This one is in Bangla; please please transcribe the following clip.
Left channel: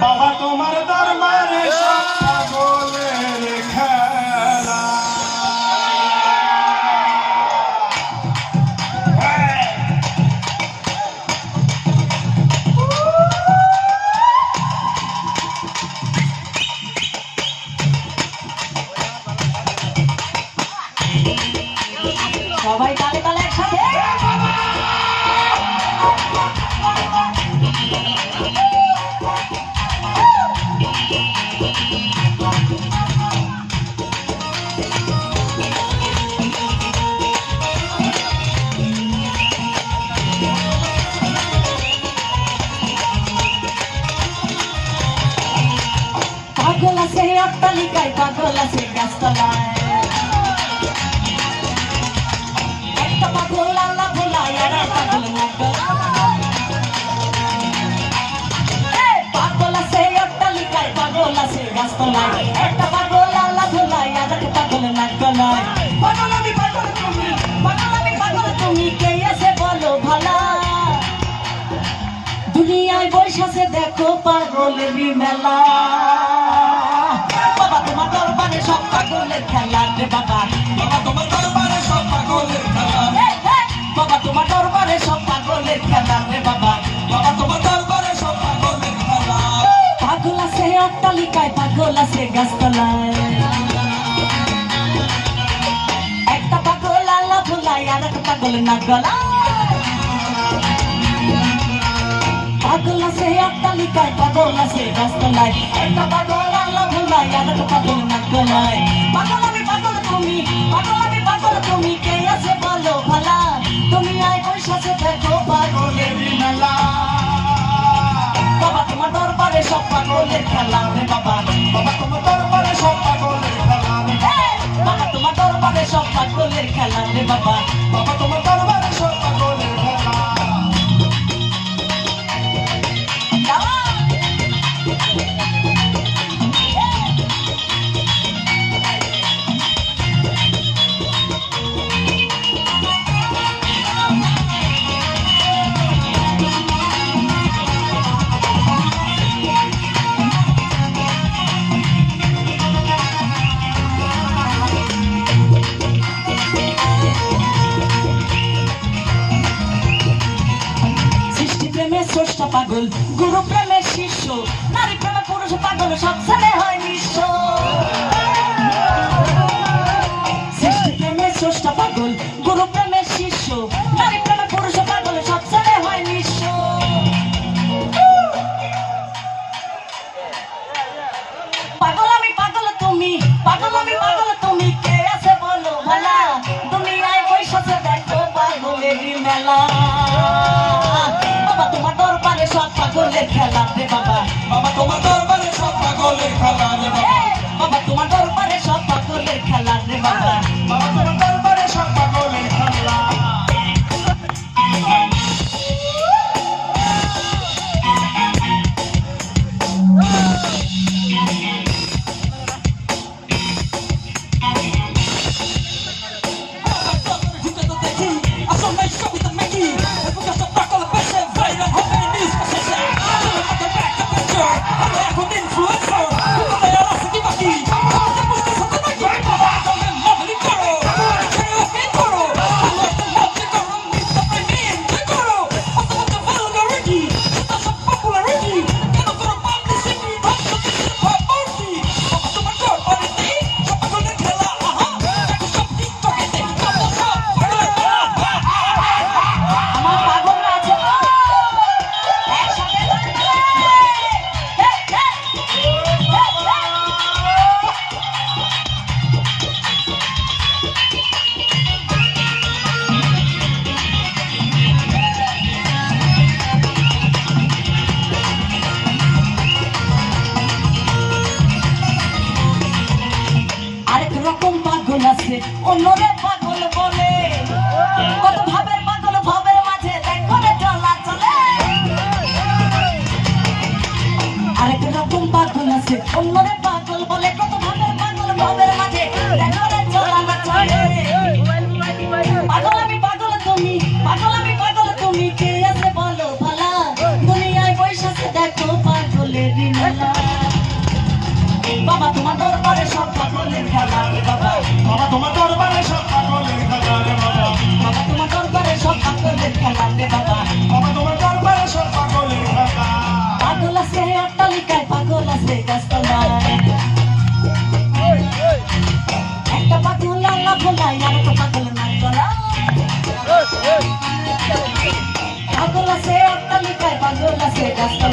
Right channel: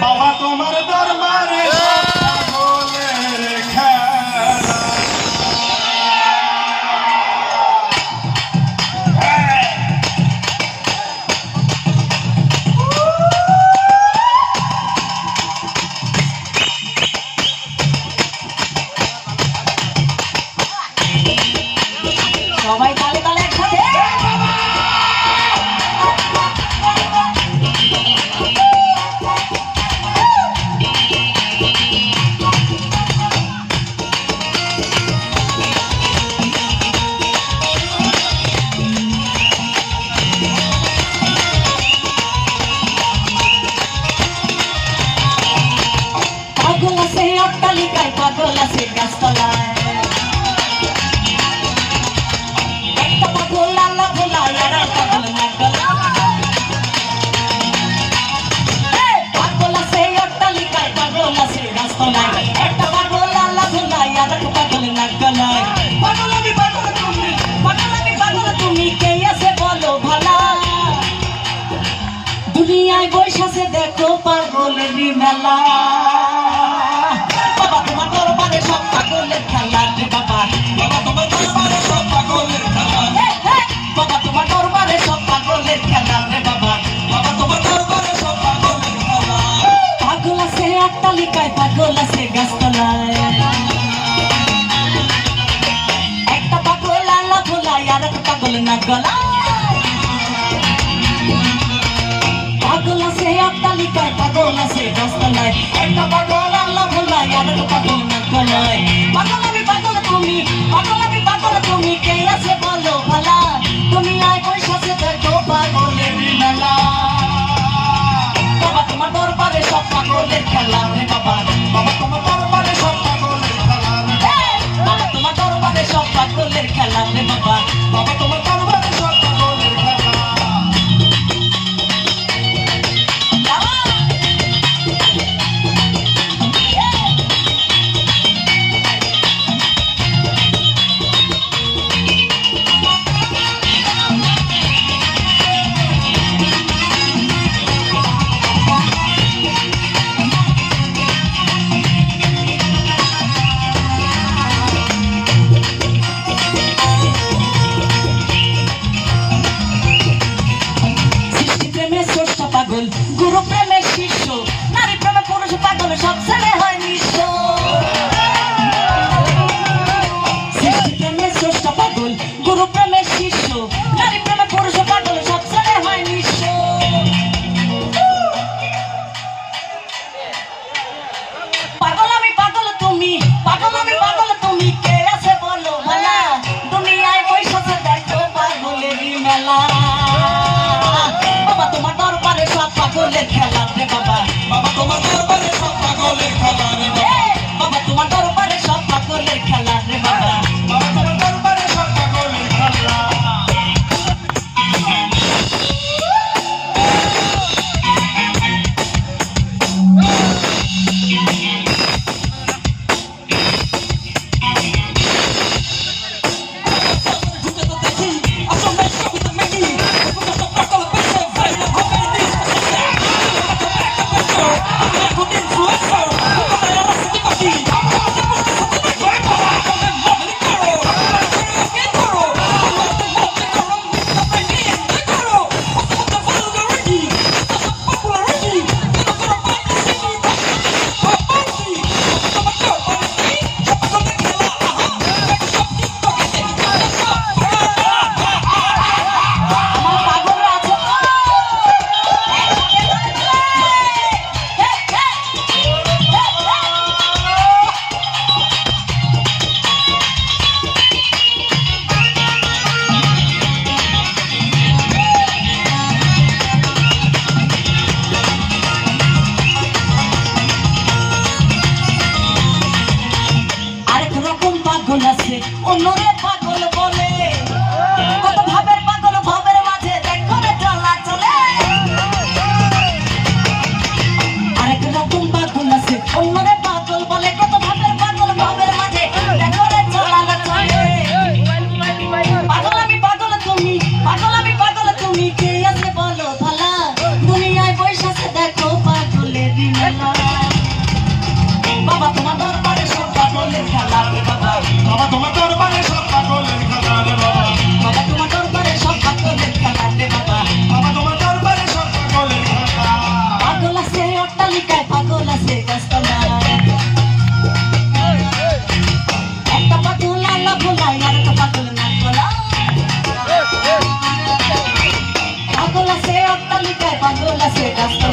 বাবা তোমার দরবারে সব পাগলের খেলা। সবাই তালে তালে একসাথে পাগল আছে অট্টালিকায়, পাগল আছে গাছতলায়, একটা পাগল আল্লাহ ভোলায় আর একটা পাগল নাক গলায়। পাগল আছে অট্টালিকায়, পাগল আছে গাছতলায়, একটা পাগল আল্লাহ ভোলায় আর একটা পাগল নাক গলায়। পাগল আমি পাগল তুমি, পাগল আমি পাগল তুমি, কে আছে বলো ভালা? দুনিয়ায় বৈশাখে দেখো পাগলের মেলা। বাবা তোমার দরবারে সব পাগলের খেলা রে বাবা, বাবা তোমার দরবারে সব পাগলের খেলা, বাবা তোমার দরবারে সব পাগলের খেলা রে বাবা, বাবা তোমার দরবারে সব পাগলের খেলা। পাগল আছে অট্টালিকায়, পাগল আছে গাছতলায়, একটা পাগল আল্লাহ ভোলায় আর একটা পাগল নাক গলায়। পাগল আছে অট্টালিকায়, পাগল আছে গাছতলায়, একটা পাগল আল্লাহ ভোলায় আর একটা পাগল নাক গলায়। পাগল আমি পাগল তুমি, পাগল আমি পাগল তুমি, কে আছে বলো ভালা? তুমি আয় বৈশাখে দেখো পাগলের মেলা। বাবা তোমার দরবারে সব পাগলের খেলা রে বাবা, বাবা তোমার দরবারে সব পাগলের খেলা রে, বাবা তোমার দরবারে সব পাগলের খেলা রে বাবা, বাবা তোমার দরবারে সব পাগলের খেলা। পাগল গুরু প্রেমের শিষ্য, নারী প্রেমে পুরুষ পাগল, সব ছেলে হয় নিঃস্ব। সৃষ্টি প্রেমের শ্রেষ্ঠ পাগল গুরু প্রেমের শিষ্য, নারী প্রেমে পুরুষ পাগল, সব ছেলে হয় নিঃস্ব। পাগল আমি পাগল তুমি, পাগল আমি পাগল তুমি, কে আছে বলো ভালা? দুনিয়ায় বৈশাখে দেখো পাগলের মেলা। বাবা তোমার দরবারে সব পাগলের খেলা রে বাবা, বাবা তোমার দরবারে সব পাগলের খেলা রে বাবা, বাবা তোমার দরবারে সব পাগলের খেলা রে বাবা, বাবা তোমার দরবারে সব পাগলের খেলা। অন্যরে পাগল বলে, কত ভাবের পাগল ভাবের মাঝে দেখো রে চলা চলে। আরেক রকম পাগল আছে অন্যরে পাগল বলে, কত ভাবের পাগল ভাবের মাঝে দেখো রে চলা চলে। পাগল আমি পাগল তুমি, পাগল আমি পাগল তুমি, কে আছে বলো ভালা? দুনিয়ায় বৈশাখে দেখো পাগলের মেলা। অট্টালিকায় পাগল আছে গাছতলায় একটা পাগল আল্লাহ ভোলায় আর একটা পাগল নাক গলায় পাগল আছে অট্টালিকায় পাগল আছে গাছতলায়